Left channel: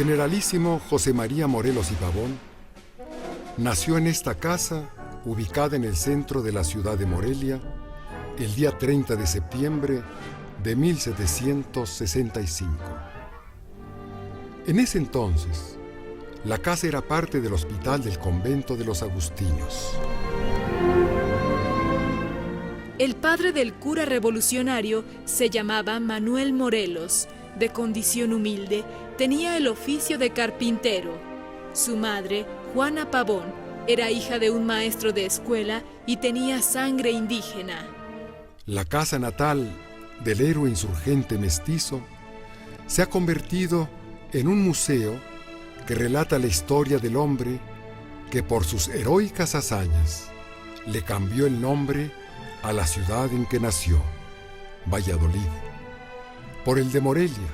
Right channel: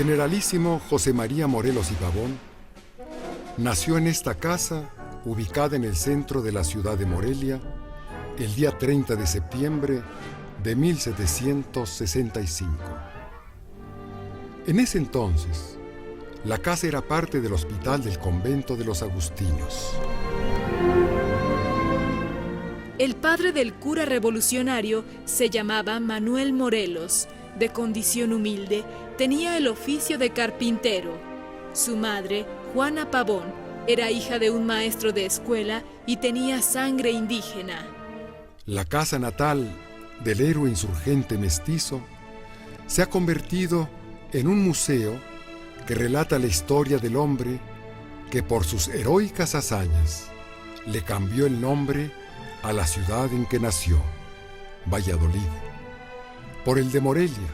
generalísimo José María Morelos y Pavón nació en esta casa, ubicada en el centro de la ciudad de Morelia, el día 30 de septiembre de 1765. En ese entonces, la casa era parte del hospital del convento de los agustinos. El padre del cura revolucionario se llamaba Manuel Morelos, de condición humilde, tenía el oficio de carpintero. Su madre, Juana Pavón, era hija de un maestro de escuela y tenía sangre indígena. La casa natal del héroe insurgente mestizo se ha convertido en un museo que relata la historia del hombre que por sus heroicas hazañas le cambió el nombre a la ciudad en que nació, Valladolid, por el de Morelia,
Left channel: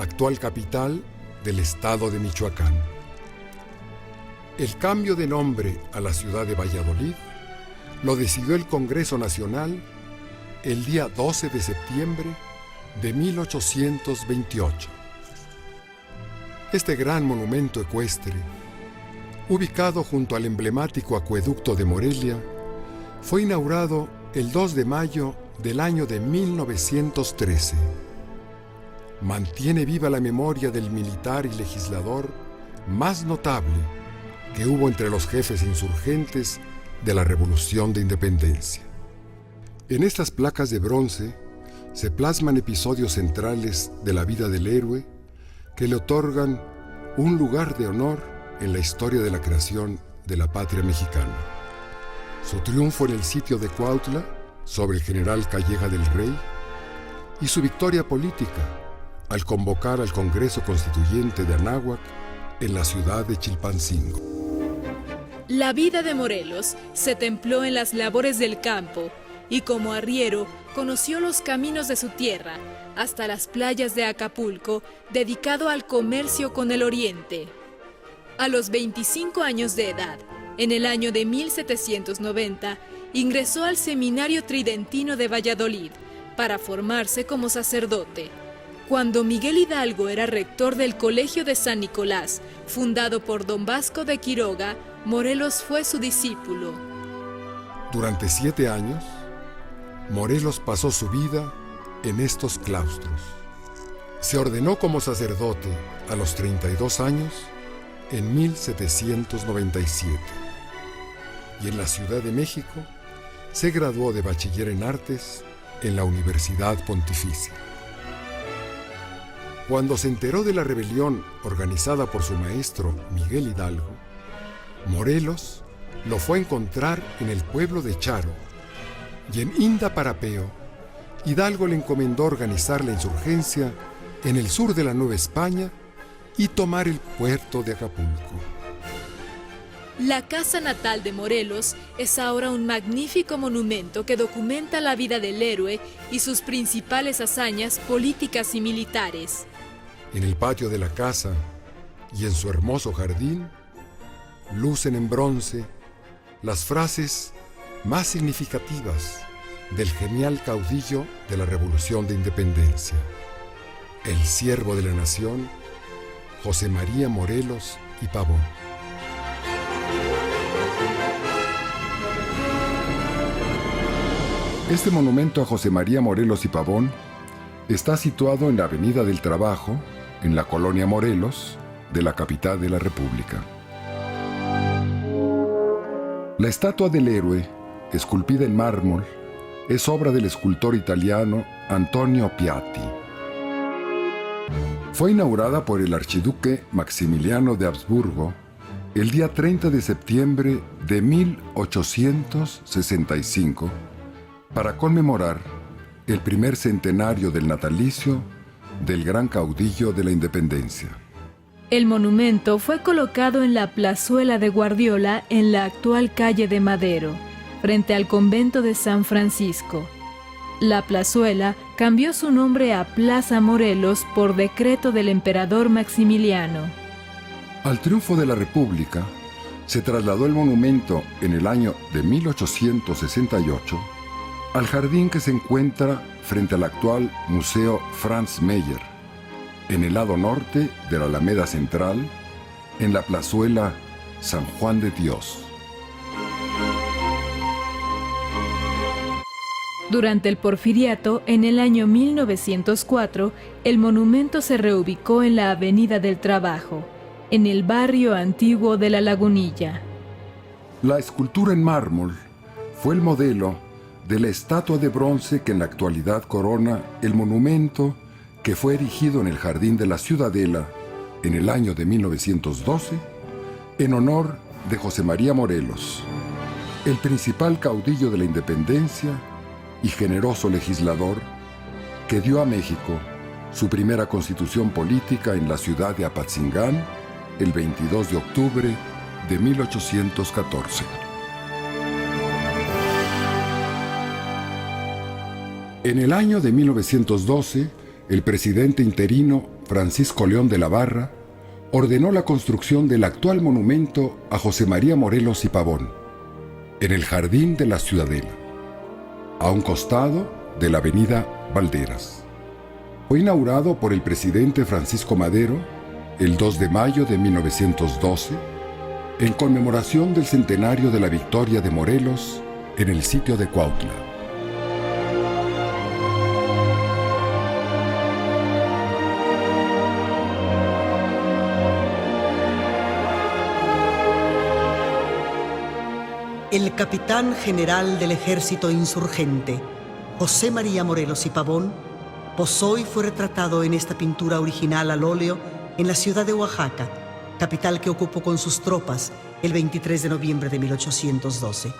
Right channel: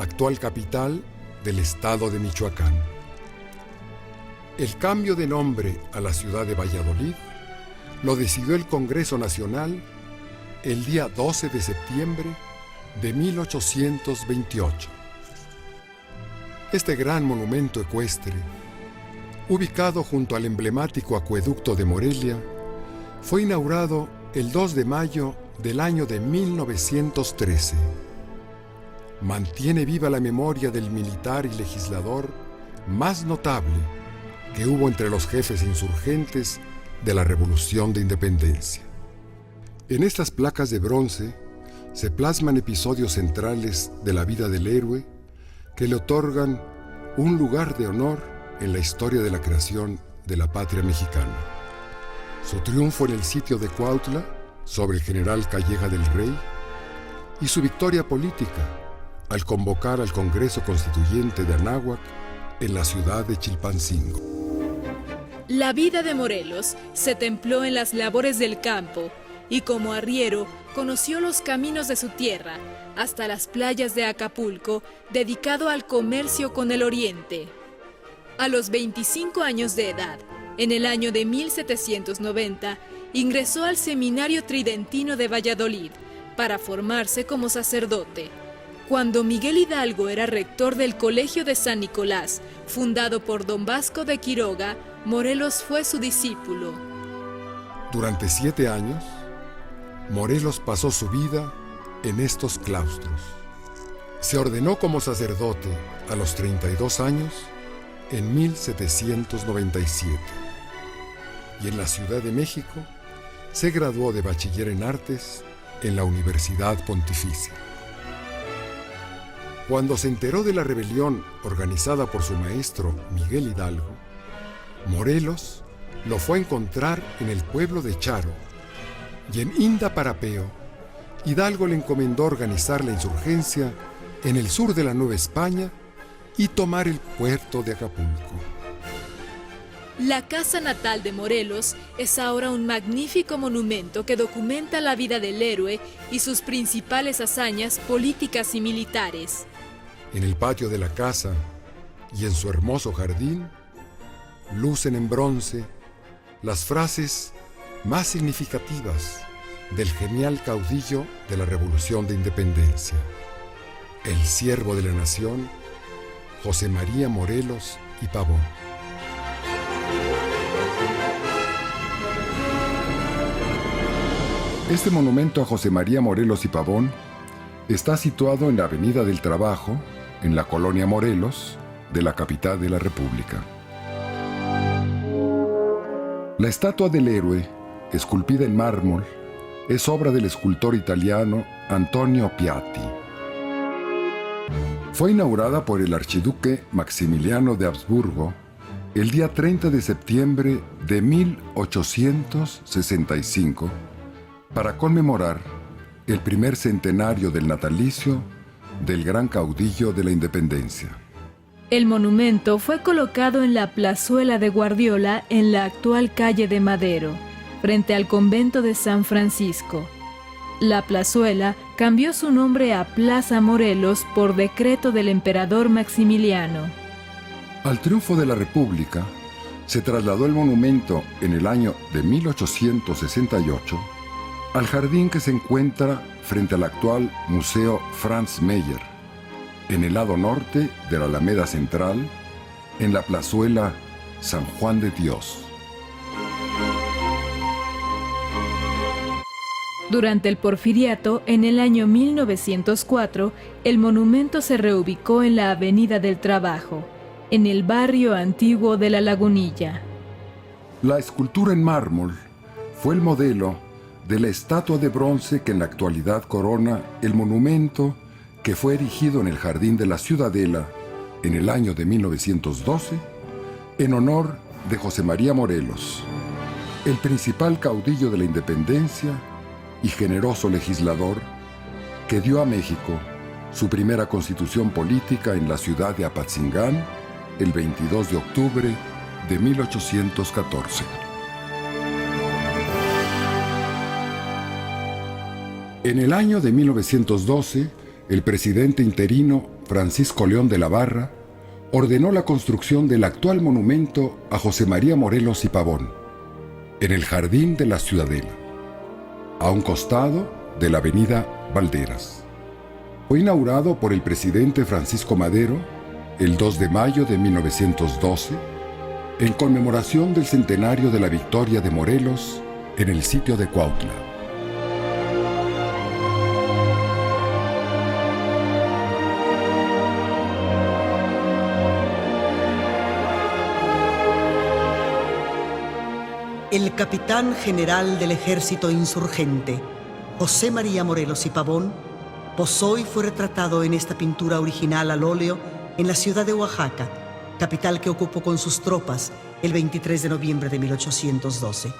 actual capital del estado de Michoacán. El cambio de nombre a la ciudad de Valladolid lo decidió el Congreso Nacional el día 12 de septiembre de 1828. Este gran monumento ecuestre, ubicado junto al emblemático acueducto de Morelia, fue inaugurado el 2 de mayo del año de 1913. Mantiene viva la memoria del militar y legislador más notable que hubo entre los jefes insurgentes de la Revolución de Independencia. En estas placas de bronce se plasman episodios centrales de la vida del héroe que le otorgan un lugar de honor en la historia de la creación de la patria mexicana. Su triunfo en el sitio de Cuautla sobre el general Calleja del Rey y su victoria política al convocar al Congreso Constituyente de Anáhuac en la ciudad de Chilpancingo. La vida de Morelos se templó en las labores del campo y como arriero conoció los caminos de su tierra hasta las playas de Acapulco, dedicado al comercio con el oriente. A los 25 años de edad, en el año de 1790, ingresó al Seminario Tridentino de Valladolid para formarse como sacerdote. Cuando Miguel Hidalgo era rector del Colegio de San Nicolás, fundado por don Vasco de Quiroga, Morelos fue su discípulo. Durante 7 años, Morelos pasó su vida en estos claustros. Se ordenó como sacerdote a los 32 años en 1797 y en la Ciudad de México se graduó de bachiller en artes en la Universidad Pontificia. Cuando se enteró de la rebelión organizada por su maestro Miguel Hidalgo, Morelos lo fue a encontrar en el pueblo de Charo y en Indaparapeo, Hidalgo le encomendó organizar la insurgencia en el sur de la Nueva España y tomar el puerto de Acapulco. La casa natal de Morelos es ahora un magnífico monumento que documenta la vida del héroe y sus principales hazañas políticas y militares. En el patio de la casa y en su hermoso jardín lucen en bronce las frases más significativas del genial caudillo de la Revolución de Independencia, el siervo de la nación, José María Morelos y Pavón. Este monumento a José María Morelos y Pavón está situado en la Avenida del Trabajo, en la colonia Morelos, de la capital de la República. La estatua del héroe, esculpida en mármol, es obra del escultor italiano Antonio Piatti. Fue inaugurada por el archiduque Maximiliano de Habsburgo el día 30 de septiembre de 1865 para conmemorar el primer centenario del natalicio del gran caudillo de la independencia. El monumento fue colocado en la plazuela de Guardiola en la actual calle de Madero, frente al convento de San Francisco. La plazuela cambió su nombre a Plaza Morelos por decreto del emperador Maximiliano. Al triunfo de la República, se trasladó el monumento en el año de 1868 al jardín que se encuentra frente al actual Museo Franz Mayer, en el lado norte de la Alameda Central, en la plazuela San Juan de Dios. Durante el Porfiriato, en el año 1904, el monumento se reubicó en la Avenida del Trabajo, en el barrio antiguo de La Lagunilla. La escultura en mármol fue el modelo de la estatua de bronce que en la actualidad corona el monumento que fue erigido en el Jardín de la Ciudadela en el año de 1912 en honor de José María Morelos, el principal caudillo de la independencia y generoso legislador que dio a México su primera constitución política en la ciudad de Apatzingán el 22 de octubre de 1814. En el año de 1912, el presidente interino Francisco León de la Barra ordenó la construcción del actual monumento a José María Morelos y Pavón, en el Jardín de la Ciudadela, a un costado de la avenida Valderas. Fue inaugurado por el presidente Francisco Madero el 2 de mayo de 1912, en conmemoración del centenario de la victoria de Morelos en el sitio de Cuautla. El capitán general del ejército insurgente, José María Morelos y Pavón, posó y fue retratado en esta pintura original al óleo en la ciudad de Oaxaca, capital que ocupó con sus tropas el 23 de noviembre de 1812.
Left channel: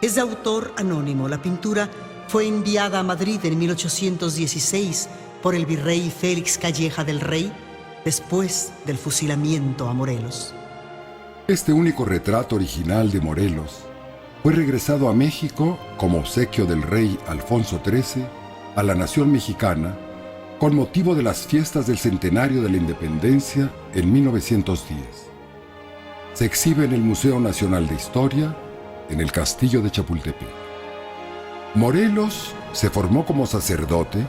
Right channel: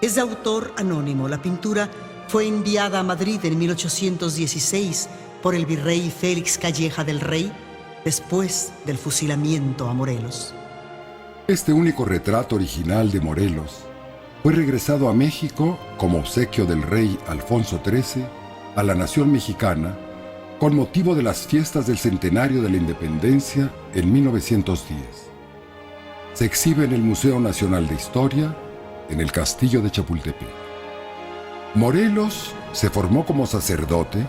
Es de autor anónimo. La pintura fue enviada a Madrid en 1816 por el virrey Félix Calleja del Rey, después del fusilamiento a Morelos. Este único retrato original de Morelos fue regresado a México como obsequio del rey Alfonso XIII a la nación mexicana con motivo de las fiestas del centenario de la independencia en 1910. Se exhibe en el Museo Nacional de Historia, en el Castillo de Chapultepec. Morelos se formó como sacerdote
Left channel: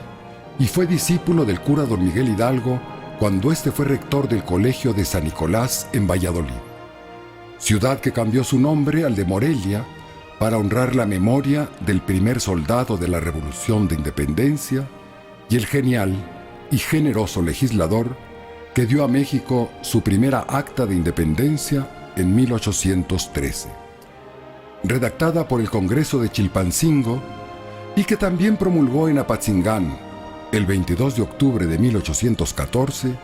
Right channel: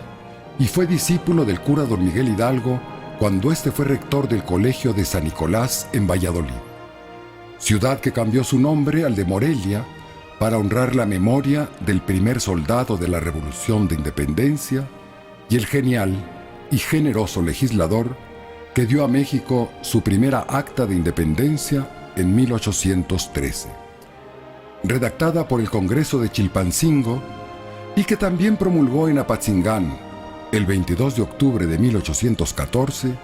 y fue discípulo del cura don Miguel Hidalgo cuando éste fue rector del Colegio de San Nicolás en Valladolid, ciudad que cambió su nombre al de Morelia para honrar la memoria del primer soldado de la Revolución de Independencia y el genial y generoso legislador que dio a México su primera acta de independencia en 1813, redactada por el Congreso de Chilpancingo y que también promulgó en Apatzingán, el 22 de octubre de 1814,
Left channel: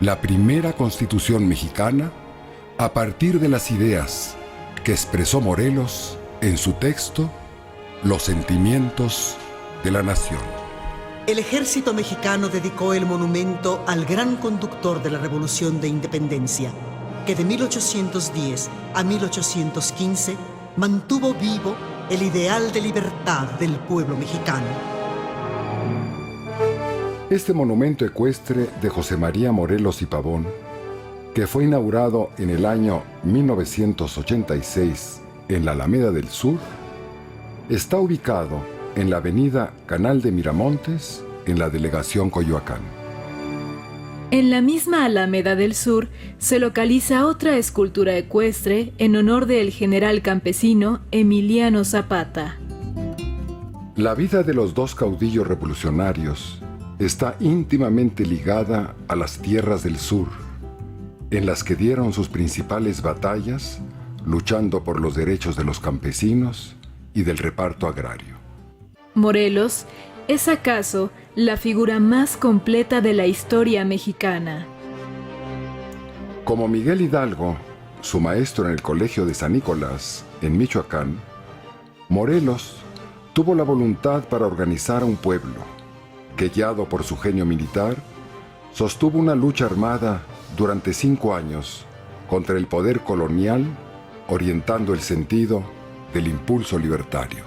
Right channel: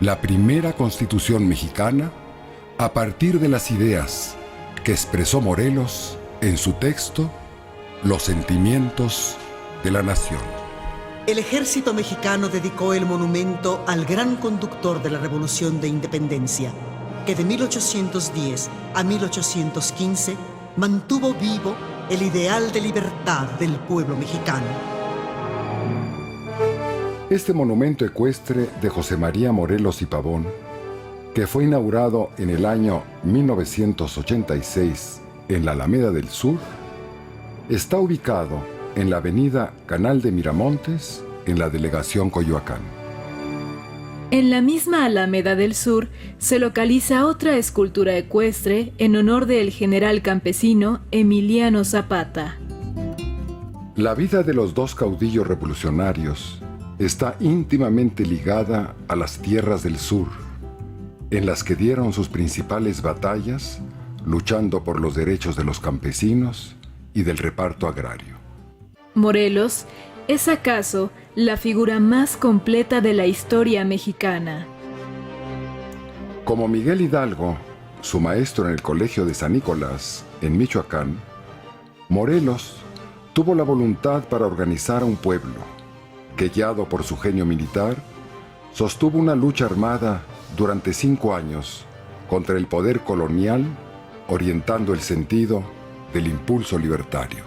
la primera Constitución mexicana a partir de las ideas que expresó Morelos en su texto Los sentimientos de la nación. El ejército mexicano dedicó el monumento al gran conductor de la Revolución de Independencia, que de 1810 a 1815 mantuvo vivo el ideal de libertad del pueblo mexicano. Este monumento ecuestre de José María Morelos y Pavón, que fue inaugurado en el año 1986 en la Alameda del Sur, está ubicado en la avenida Canal de Miramontes, en la delegación Coyoacán. En la misma Alameda del Sur se localiza otra escultura ecuestre en honor del general campesino Emiliano Zapata. La vida de los dos caudillos revolucionarios está íntimamente ligada a las tierras del sur, en las que dieron sus principales batallas, luchando por los derechos de los campesinos y del reparto agrario. Morelos es acaso la figura más completa de la historia mexicana. Como Miguel Hidalgo, su maestro en el Colegio de San Nicolás, en Michoacán, Morelos tuvo la voluntad para organizar un pueblo que, guiado por su genio militar, sostuvo una lucha armada durante 5 años contra el poder colonial, orientando el sentido del impulso libertario.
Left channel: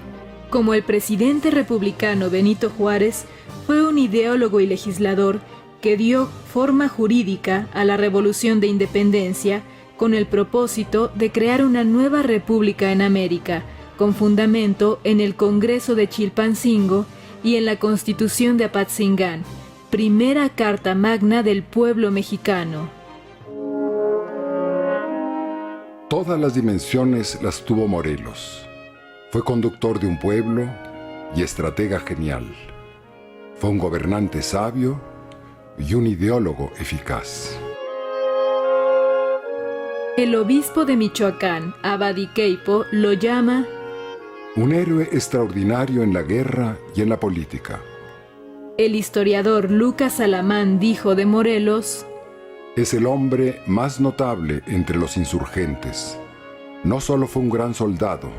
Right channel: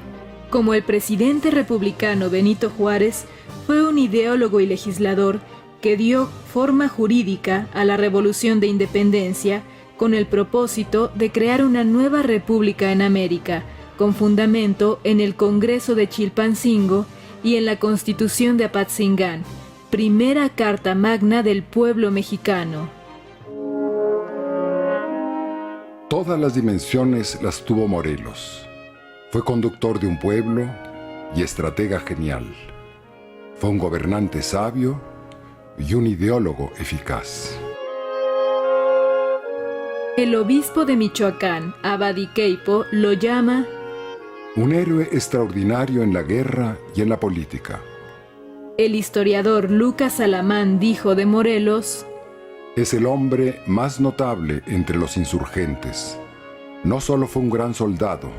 Como el presidente republicano Benito Juárez, fue un ideólogo y legislador que dio forma jurídica a la Revolución de Independencia con el propósito de crear una nueva república en América, con fundamento en el Congreso de Chilpancingo y en la Constitución de Apatzingán, primera carta magna del pueblo mexicano. Todas las dimensiones las tuvo Morelos. Fue conductor de un pueblo y estratega genial. Fue un gobernante sabio y un ideólogo eficaz. El obispo de Michoacán, Abadi Queipo, lo llama un héroe extraordinario en la guerra y en la política. El historiador Lucas Alamán dijo de Morelos: es el hombre más notable entre los insurgentes. No solo fue un gran soldado,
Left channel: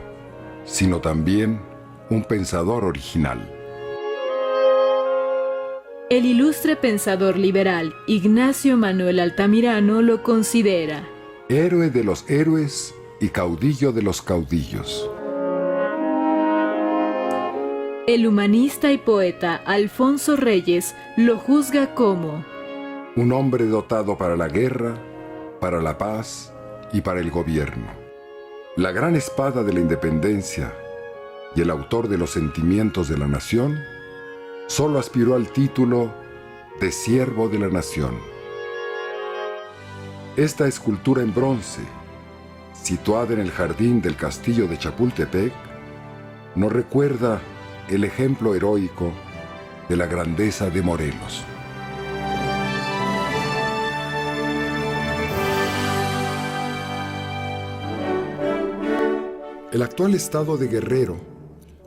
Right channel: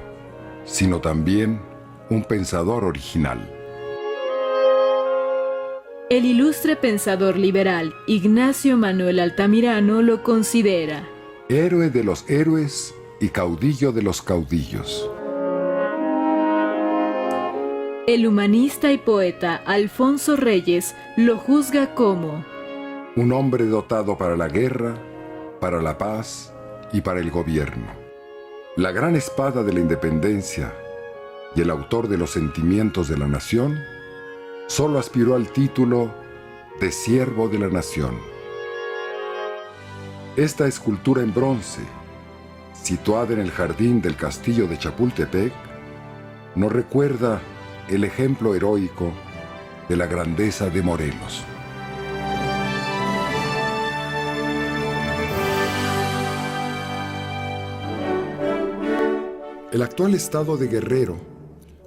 sino también un pensador original. El ilustre pensador liberal Ignacio Manuel Altamirano lo considera héroe de los héroes y caudillo de los caudillos. El humanista y poeta Alfonso Reyes lo juzga como un hombre dotado para la guerra, para la paz y para el gobierno. La gran espada de la independencia y el autor de los sentimientos de la nación, solo aspiró al título de siervo de la nación. Esta escultura en bronce, situada en el jardín del castillo de Chapultepec, nos recuerda el ejemplo heroico de la grandeza de Morelos. El actual estado de Guerrero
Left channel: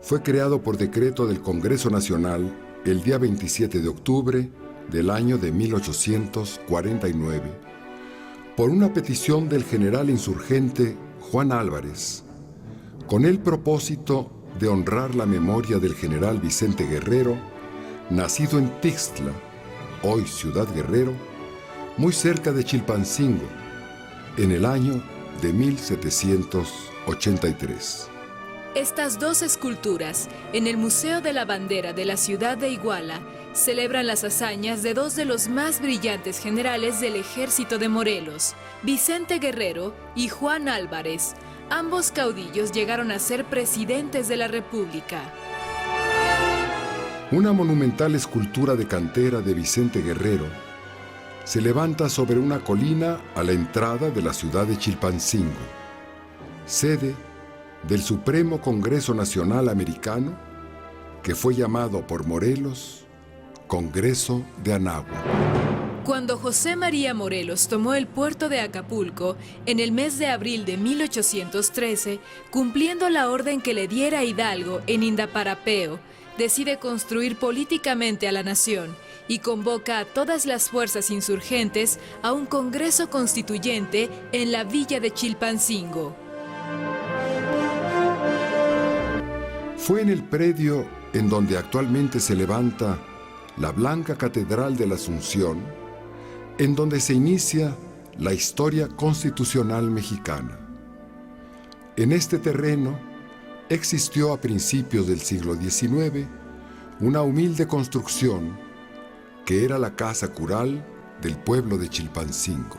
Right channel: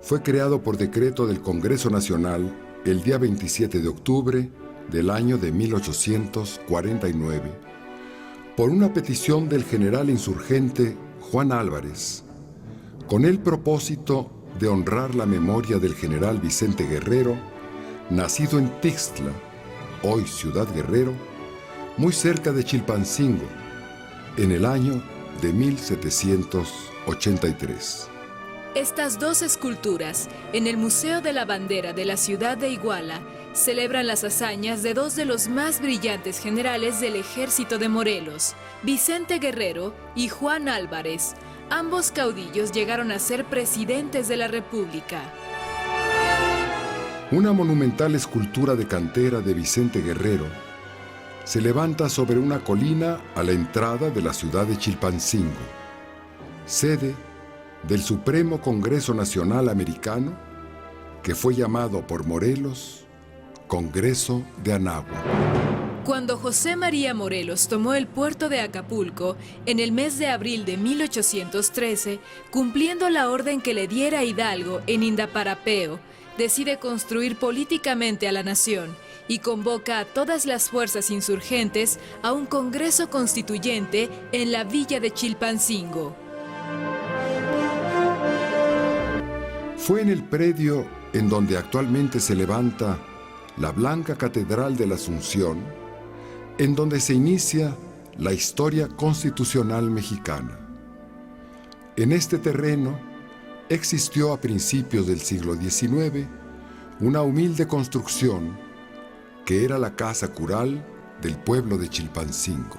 fue creado por decreto del Congreso Nacional el día 27 de octubre del año de 1849, por una petición del general insurgente Juan Álvarez, con el propósito de honrar la memoria del general Vicente Guerrero, nacido en Tixtla, hoy Ciudad Guerrero, muy cerca de Chilpancingo, en el año de 1783. Estas dos esculturas, en el Museo de la Bandera de la ciudad de Iguala, celebran las hazañas de dos de los más brillantes generales del ejército de Morelos, Vicente Guerrero y Juan Álvarez. Ambos caudillos llegaron a ser presidentes de la República. Una monumental escultura de cantera de Vicente Guerrero se levanta sobre una colina a la entrada de la ciudad de Chilpancingo, sede del Supremo Congreso Nacional Americano, que fue llamado por Morelos Congreso de Anáhuac. Cuando José María Morelos tomó el puerto de Acapulco en el mes de abril de 1813, cumpliendo la orden que le diera Hidalgo en Indaparapeo, decide construir políticamente a la nación y convoca a todas las fuerzas insurgentes a un congreso constituyente en la villa de Chilpancingo. Fue en el predio en donde actualmente se levanta la Blanca Catedral de la Asunción, en donde se inicia la historia constitucional mexicana. En este terreno existió a principios del siglo XIX una humilde construcción que era la casa cural del pueblo de Chilpancingo.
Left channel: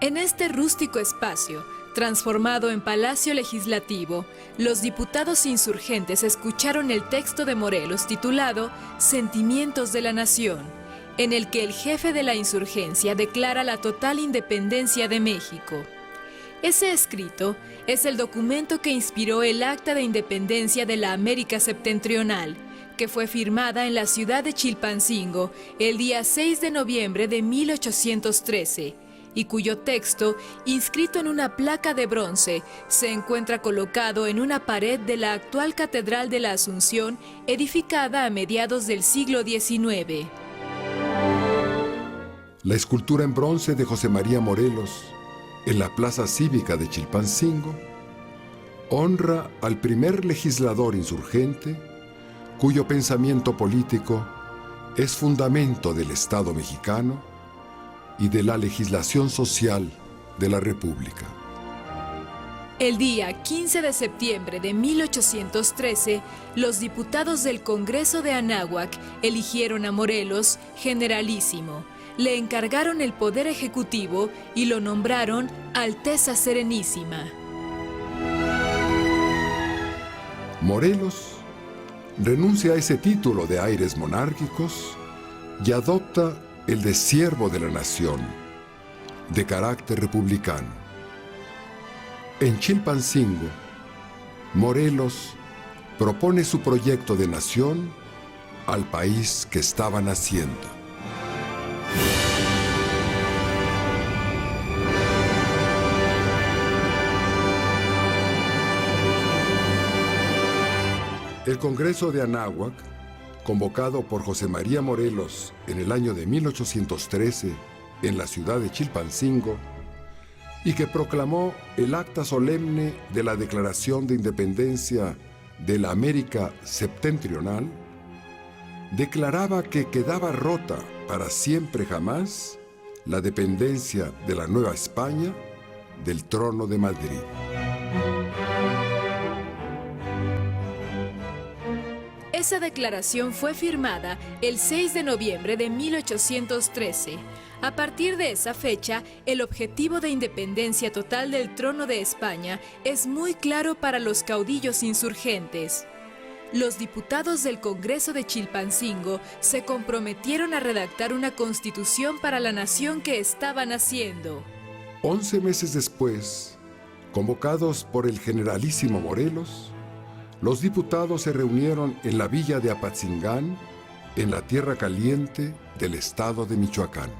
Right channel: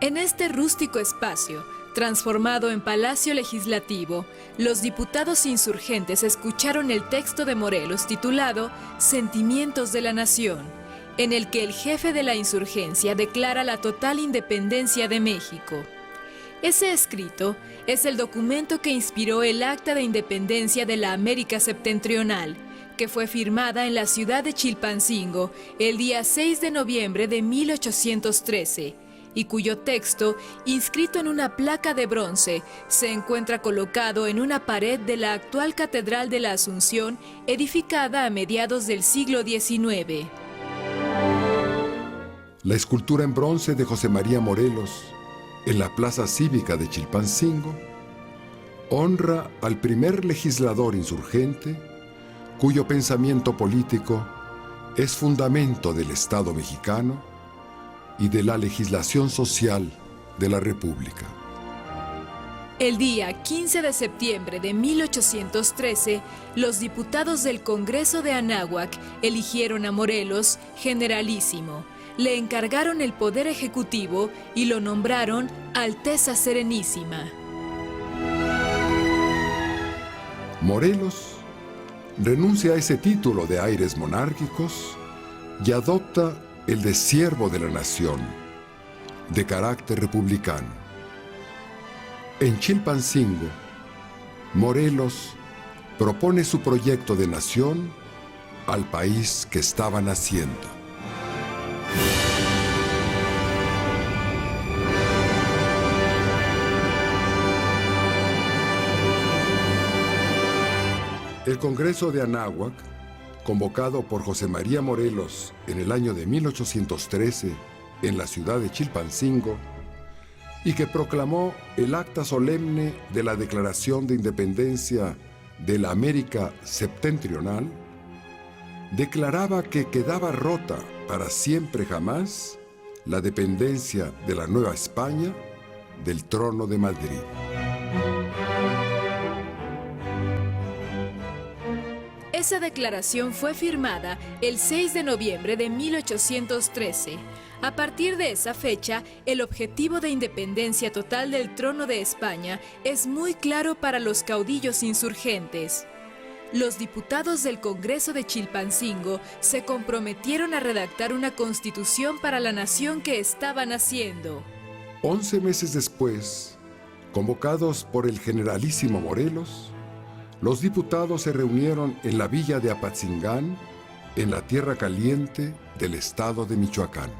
En este rústico espacio, transformado en Palacio Legislativo, los diputados insurgentes escucharon el texto de Morelos titulado Sentimientos de la Nación, en el que el jefe de la insurgencia declara la total independencia de México. Ese escrito es el documento que inspiró el Acta de Independencia de la América Septentrional, que fue firmada en la ciudad de Chilpancingo el día 6 de noviembre de 1813, y cuyo texto, inscrito en una placa de bronce, se encuentra colocado en una pared de la actual Catedral de la Asunción, edificada a mediados del siglo XIX. La escultura en bronce de José María Morelos, en la Plaza Cívica de Chilpancingo, honra al primer legislador insurgente, cuyo pensamiento político es fundamento del Estado mexicano y de la legislación social de la República. El día 15 de septiembre de 1813, los diputados del Congreso de Anáhuac eligieron a Morelos generalísimo, le encargaron el poder ejecutivo y lo nombraron Alteza Serenísima. Morelos renuncia a ese título de aires monárquicos y adopta el de siervo de la nación, de carácter republicano. En Chilpancingo, Morelos propone su proyecto de nación al país que estaba naciendo. El Congreso de Anáhuac, convocado por José María Morelos en el año de 1813 en la ciudad de Chilpancingo, y que proclamó el acta solemne de la Declaración de Independencia de la América Septentrional, declaraba que quedaba rota para siempre jamás la dependencia de la Nueva España del trono de Madrid. Esa declaración fue firmada el 6 de noviembre de 1813. A partir de esa fecha, el objetivo de independencia total del trono de España es muy claro para los caudillos insurgentes. Los diputados del Congreso de Chilpancingo se comprometieron a redactar una constitución para la nación que estaba naciendo. 11 meses después, convocados por el generalísimo Morelos, los diputados se reunieron en la villa de Apatzingán, en la Tierra Caliente del estado de Michoacán.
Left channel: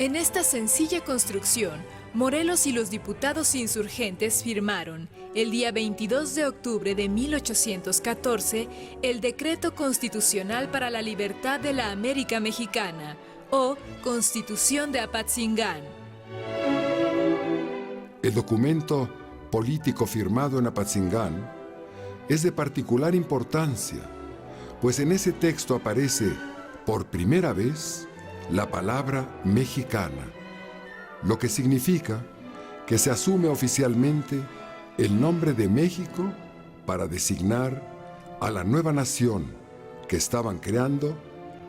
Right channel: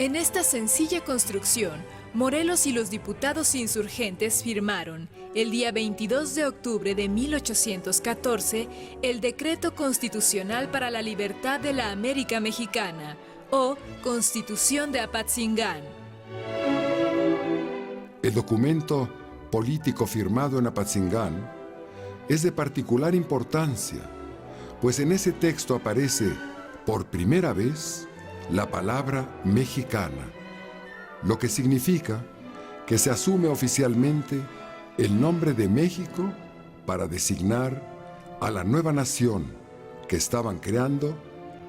En esta sencilla construcción, Morelos y los diputados insurgentes firmaron, el día 22 de octubre de 1814, el Decreto Constitucional para la Libertad de la América Mexicana, o Constitución de Apatzingán. El documento político firmado en Apatzingán es de particular importancia, pues en ese texto aparece por primera vez la palabra mexicana, lo que significa que se asume oficialmente el nombre de México para designar a la nueva nación que estaban creando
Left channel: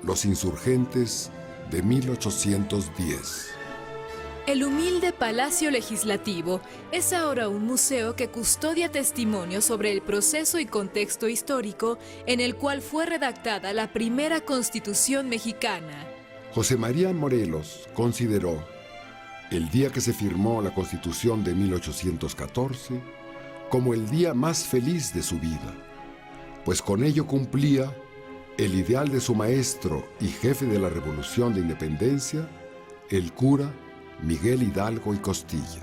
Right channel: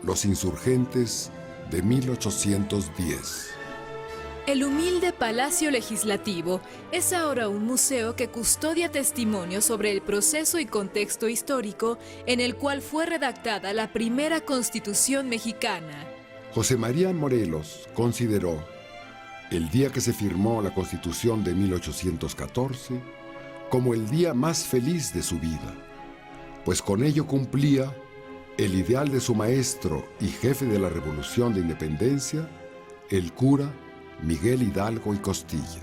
los insurgentes de 1810. El humilde Palacio Legislativo es ahora un museo que custodia testimonios sobre el proceso y contexto histórico en el cual fue redactada la primera Constitución mexicana. José María Morelos consideró el día que se firmó la Constitución de 1814 como el día más feliz de su vida, pues con ello cumplía el ideal de su maestro y jefe de la Revolución de Independencia, el cura Miguel Hidalgo y Costilla.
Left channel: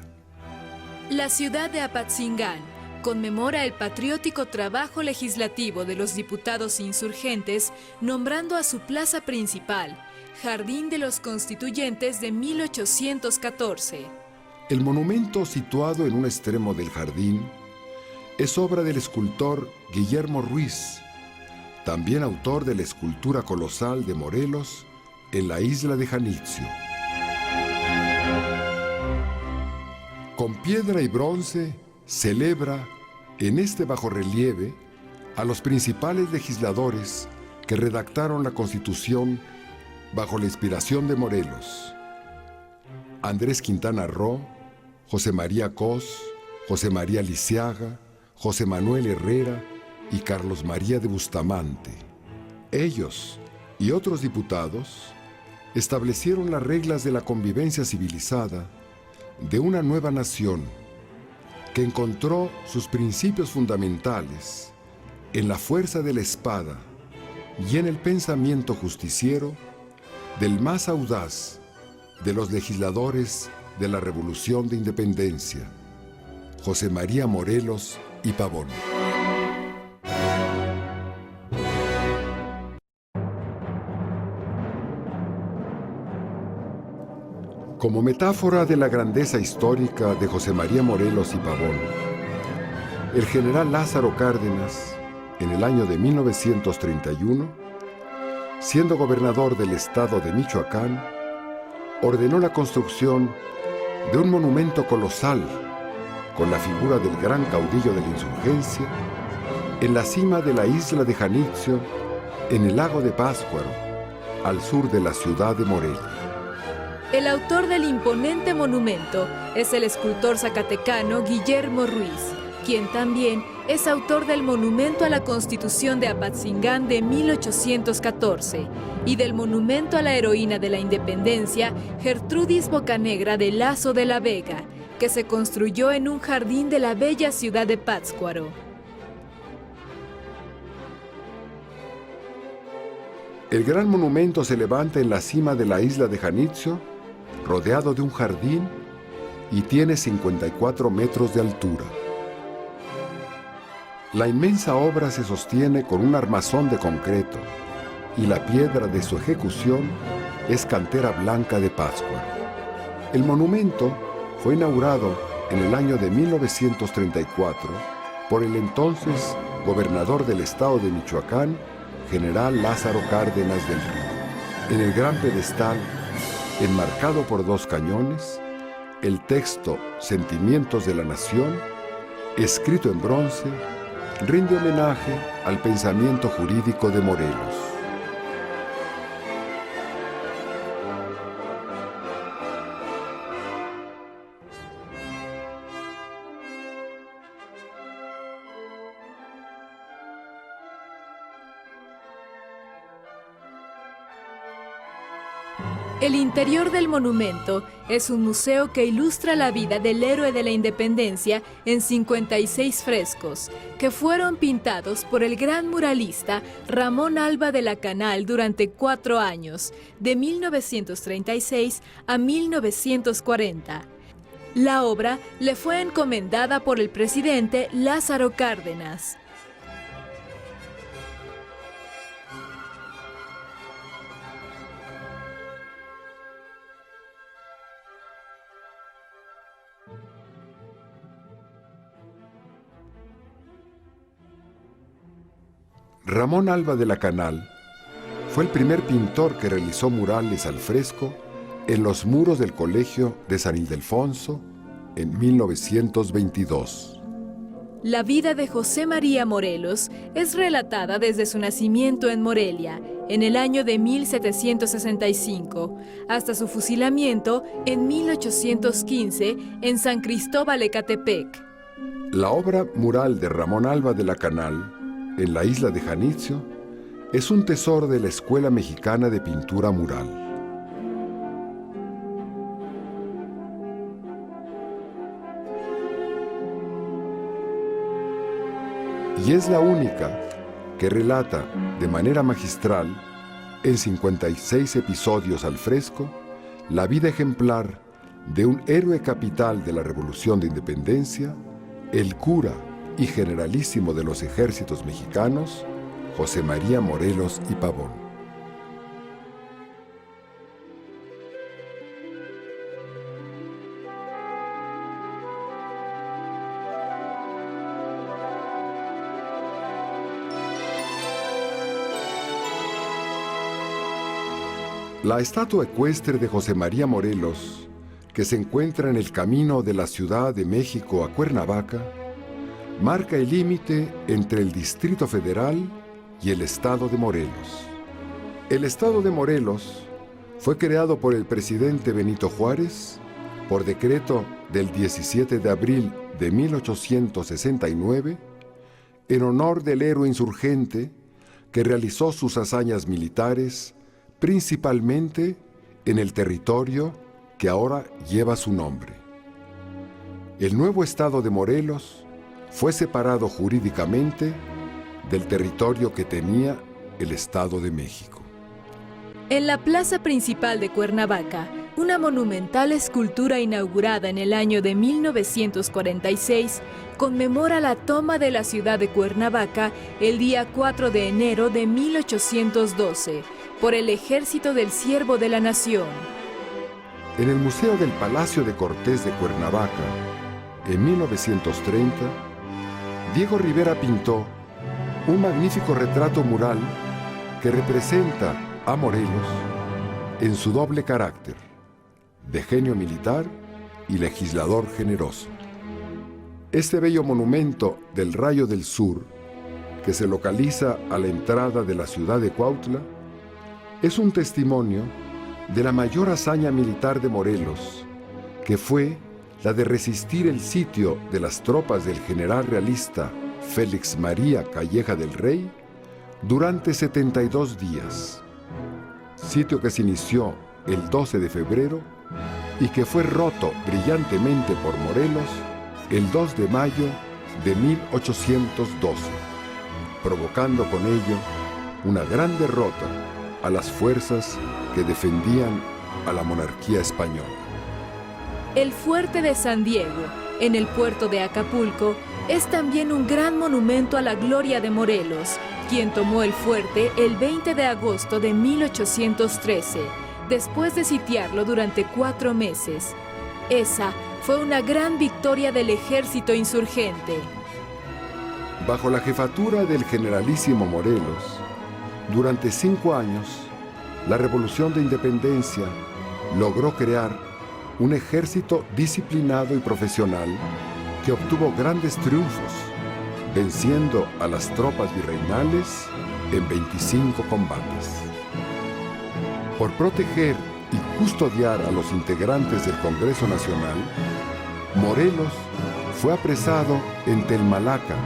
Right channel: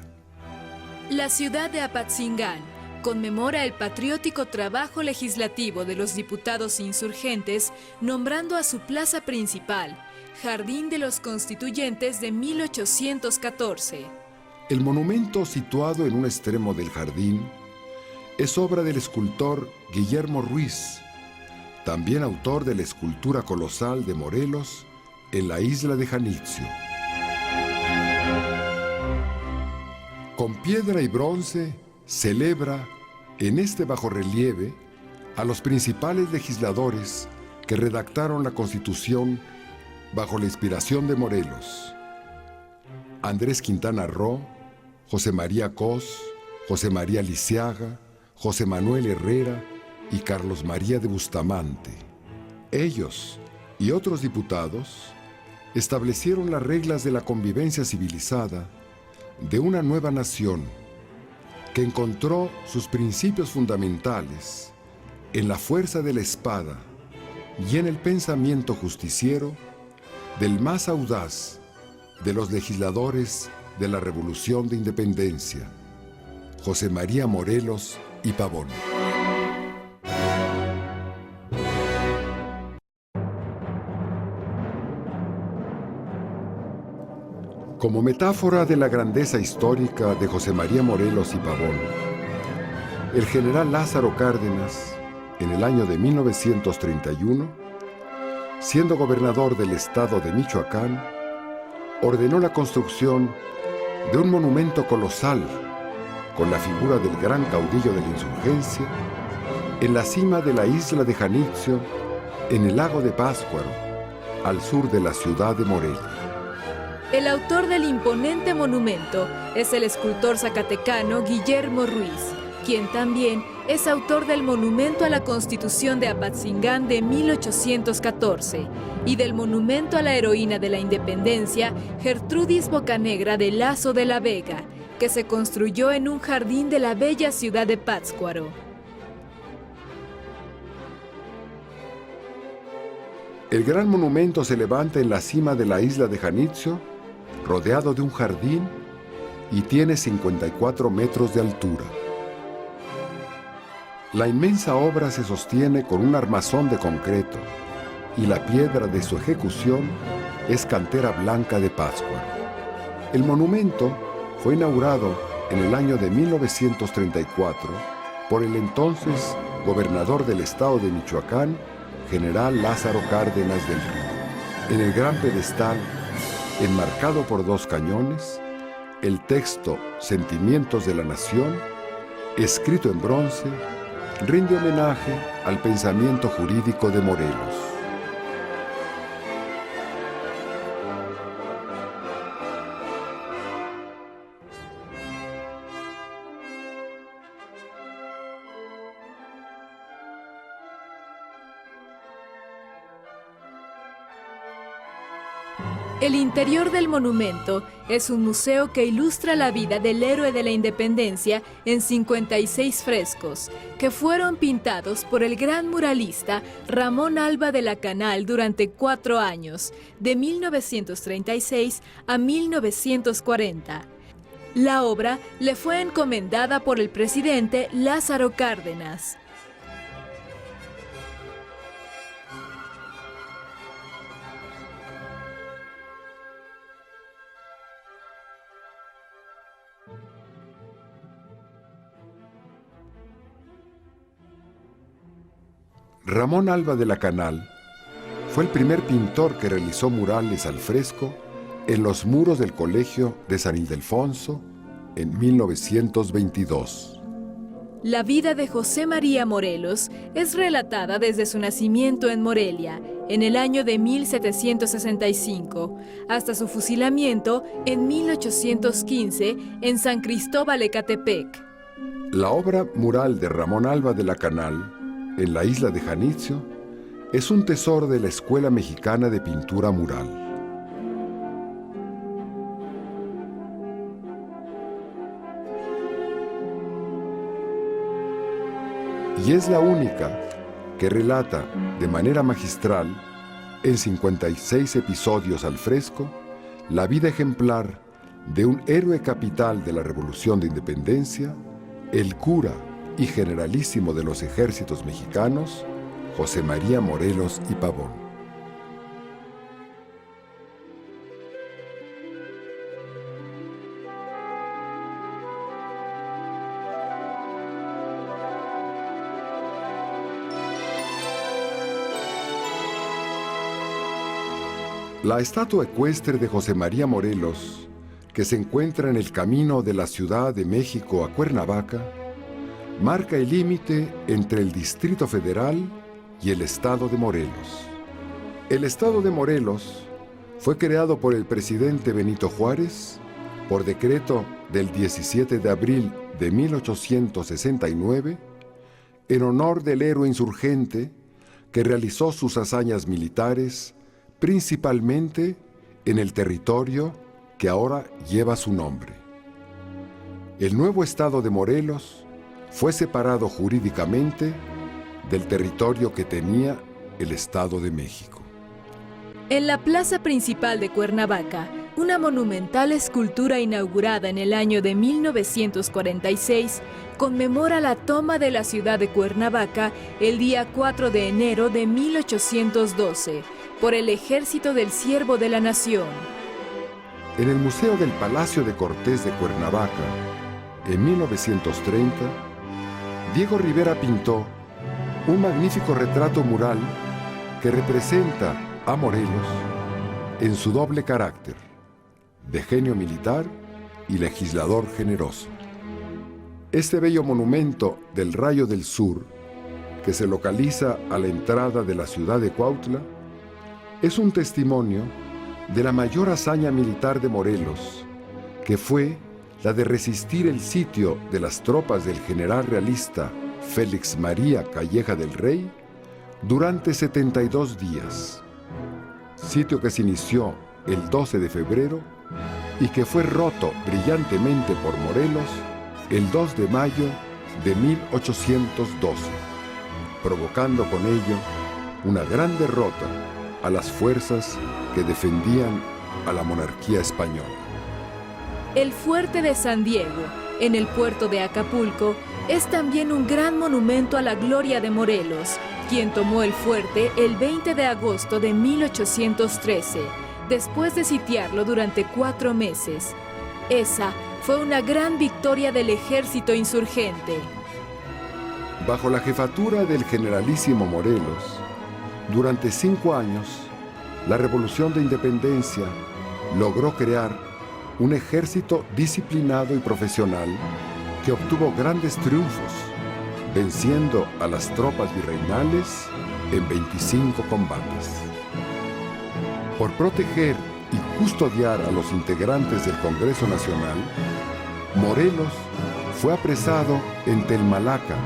La ciudad de Apatzingán conmemora el patriótico trabajo legislativo de los diputados insurgentes, nombrando a su plaza principal Jardín de los Constituyentes de 1814. El monumento situado en un extremo del jardín es obra del escultor Guillermo Ruiz, también autor de la escultura colosal de Morelos en la isla de Janitzio. Con piedra y bronce celebra en este bajorrelieve a los principales legisladores que redactaron la Constitución bajo la inspiración de Morelos: Andrés Quintana Roo, José María Cos, José María Lisiaga, José Manuel Herrera y Carlos María de Bustamante. Ellos y otros diputados establecieron las reglas de la convivencia civilizada de una nueva nación que encontró sus principios fundamentales en la fuerza de la espada y en el pensamiento justiciero del más audaz de los legisladores de la Revolución de Independencia, José María Morelos y Pavón. Como metáfora de la grandeza histórica de José María Morelos y Pavón, el general Lázaro Cárdenas, en el año de 1931, siendo gobernador del estado de Michoacán, ordenó la construcción de un monumento colosal con la figura del gran caudillo de la insurgencia en la cima de la isla de Janitzio, en el lago de Pátzcuaro, al sur de la ciudad de Morelos. El autor del imponente monumento es el escultor zacatecano Guillermo Ruiz, quien también es autor del Monumento a la Constitución de Apatzingán de 1814 y del Monumento a la Heroína de la Independencia Gertrudis Bocanegra de Lazo de la Vega, que se construyó en un jardín de la bella ciudad de Pátzcuaro. El gran monumento se levanta en la cima de la isla de Janitzio, rodeado de un jardín, y tiene 54 metros de altura. La inmensa obra se sostiene con un armazón de concreto, y la piedra de su ejecución es cantera blanca de Pátzcuaro. El monumento fue inaugurado en el año de 1934 por el entonces gobernador del estado de Michoacán, general Lázaro Cárdenas del Río. En el gran pedestal, enmarcado por 2 cañones, el texto Sentimientos de la Nación, escrito en bronce, rinde homenaje al pensamiento jurídico de Morelos. El interior del monumento es un museo que ilustra la vida del héroe de la independencia en 56 frescos, que fueron pintados por el gran muralista Ramón Alba de la Canal durante 4 años, de 1936 a 1940. La obra le fue encomendada por el presidente Lázaro Cárdenas. Ramón Alba de la Canal fue el primer pintor que realizó murales al fresco en los muros del Colegio de San Ildefonso en 1922. La vida de José María Morelos es relatada desde su nacimiento en Morelia, en el año de 1765, hasta su fusilamiento en 1815 en San Cristóbal Ecatepec. La obra mural de Ramón Alba de la Canal, en la isla de Janitzio, es un tesoro de la Escuela Mexicana de Pintura Mural. Y es la única que relata de manera magistral, en 56 episodios al fresco, la vida ejemplar de un héroe capital de la Revolución de Independencia, el cura y generalísimo de los ejércitos mexicanos, José María Morelos y Pavón. La estatua ecuestre de José María Morelos, que se encuentra en el camino de la Ciudad de México a Cuernavaca, marca el límite entre el Distrito Federal y el Estado de Morelos. El Estado de Morelos fue creado por el presidente Benito Juárez por decreto del 17 de abril de 1869 en honor del héroe insurgente que realizó sus hazañas militares principalmente en el territorio que ahora lleva su nombre. El nuevo Estado de Morelos fue separado jurídicamente del territorio que tenía el Estado de México. En la plaza principal de Cuernavaca, una monumental escultura inaugurada en el año de 1946 conmemora la toma de la ciudad de Cuernavaca el día 4 de enero de 1812 por el Ejército del Siervo de la Nación. En el Museo del Palacio de Cortés de Cuernavaca, en 1930, Diego Rivera pintó un magnífico retrato mural que representa a Morelos en su doble carácter, de genio militar y legislador generoso. Este bello monumento del Rayo del Sur, que se localiza a la entrada de la ciudad de Cuautla, es un testimonio de la mayor hazaña militar de Morelos, que fue la de resistir el sitio de las tropas del general realista Félix María Calleja del Rey durante 72 días, sitio que se inició el 12 de febrero y que fue roto brillantemente por Morelos el 2 de mayo de 1812, provocando con ello una gran derrota a las fuerzas que defendían a la monarquía española. El fuerte de San Diego, en el puerto de Acapulco, es también un gran monumento a la gloria de Morelos, quien tomó el fuerte el 20 de agosto de 1813, después de sitiarlo durante 4 meses. Esa fue una gran victoria del ejército insurgente. Bajo la jefatura del generalísimo Morelos, durante 5 años, la Revolución de Independencia logró crear un ejército disciplinado y profesional que obtuvo grandes triunfos, venciendo a las tropas virreinales en 25 combates. Por proteger y custodiar a los integrantes del Congreso Nacional, Morelos fue apresado en Telmalaca,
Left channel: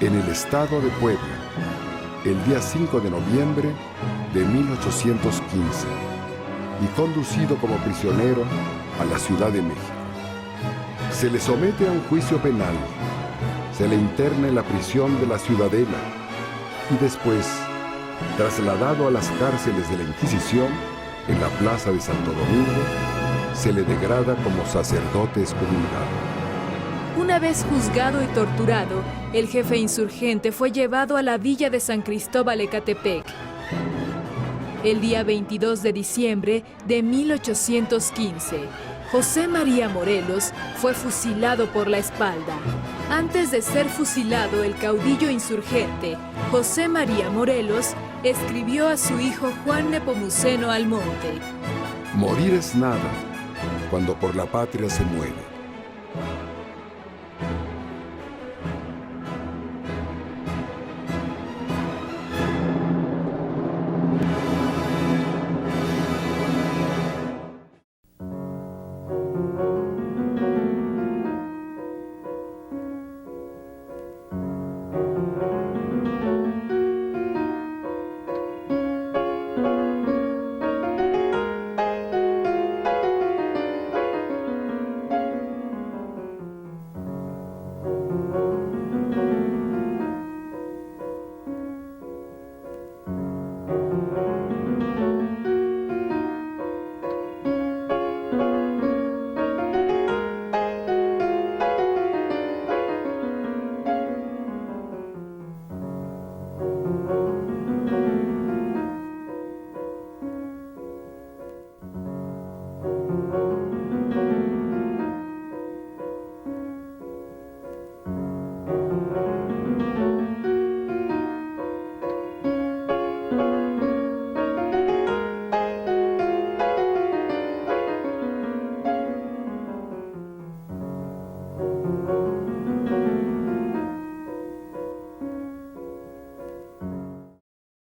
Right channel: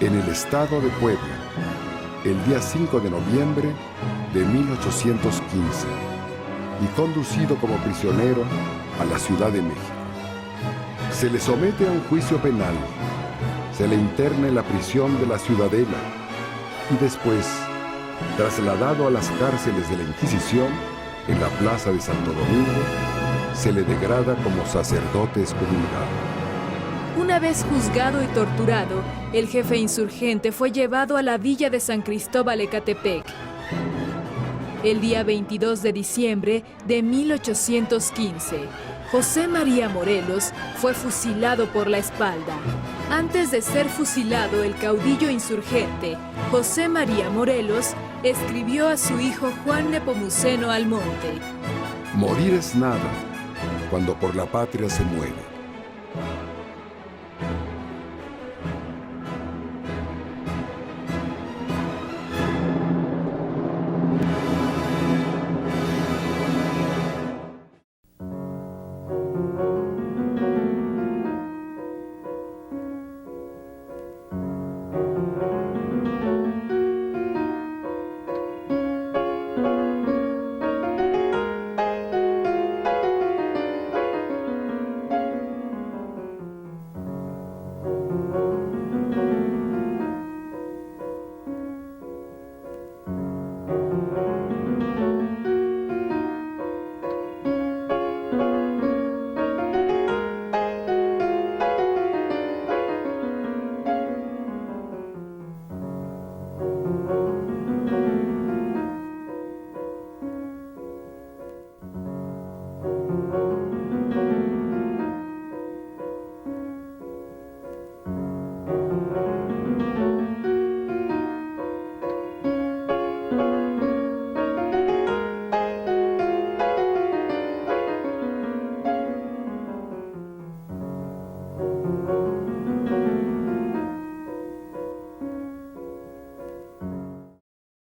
en el estado de Puebla, el día 5 de noviembre de 1815 y conducido como prisionero a la Ciudad de México. Se le somete a un juicio penal, se le interna en la prisión de la Ciudadela y después, trasladado a las cárceles de la Inquisición en la plaza de Santo Domingo, se le degrada como sacerdote excomulgado. Una vez juzgado y torturado, el jefe insurgente fue llevado a la villa de San Cristóbal Ecatepec. El día 22 de diciembre de 1815, José María Morelos fue fusilado por la espalda. Antes de ser fusilado, el caudillo insurgente, José María Morelos, escribió a su hijo Juan Nepomuceno Almonte: Morir es nada cuando por la patria se muere.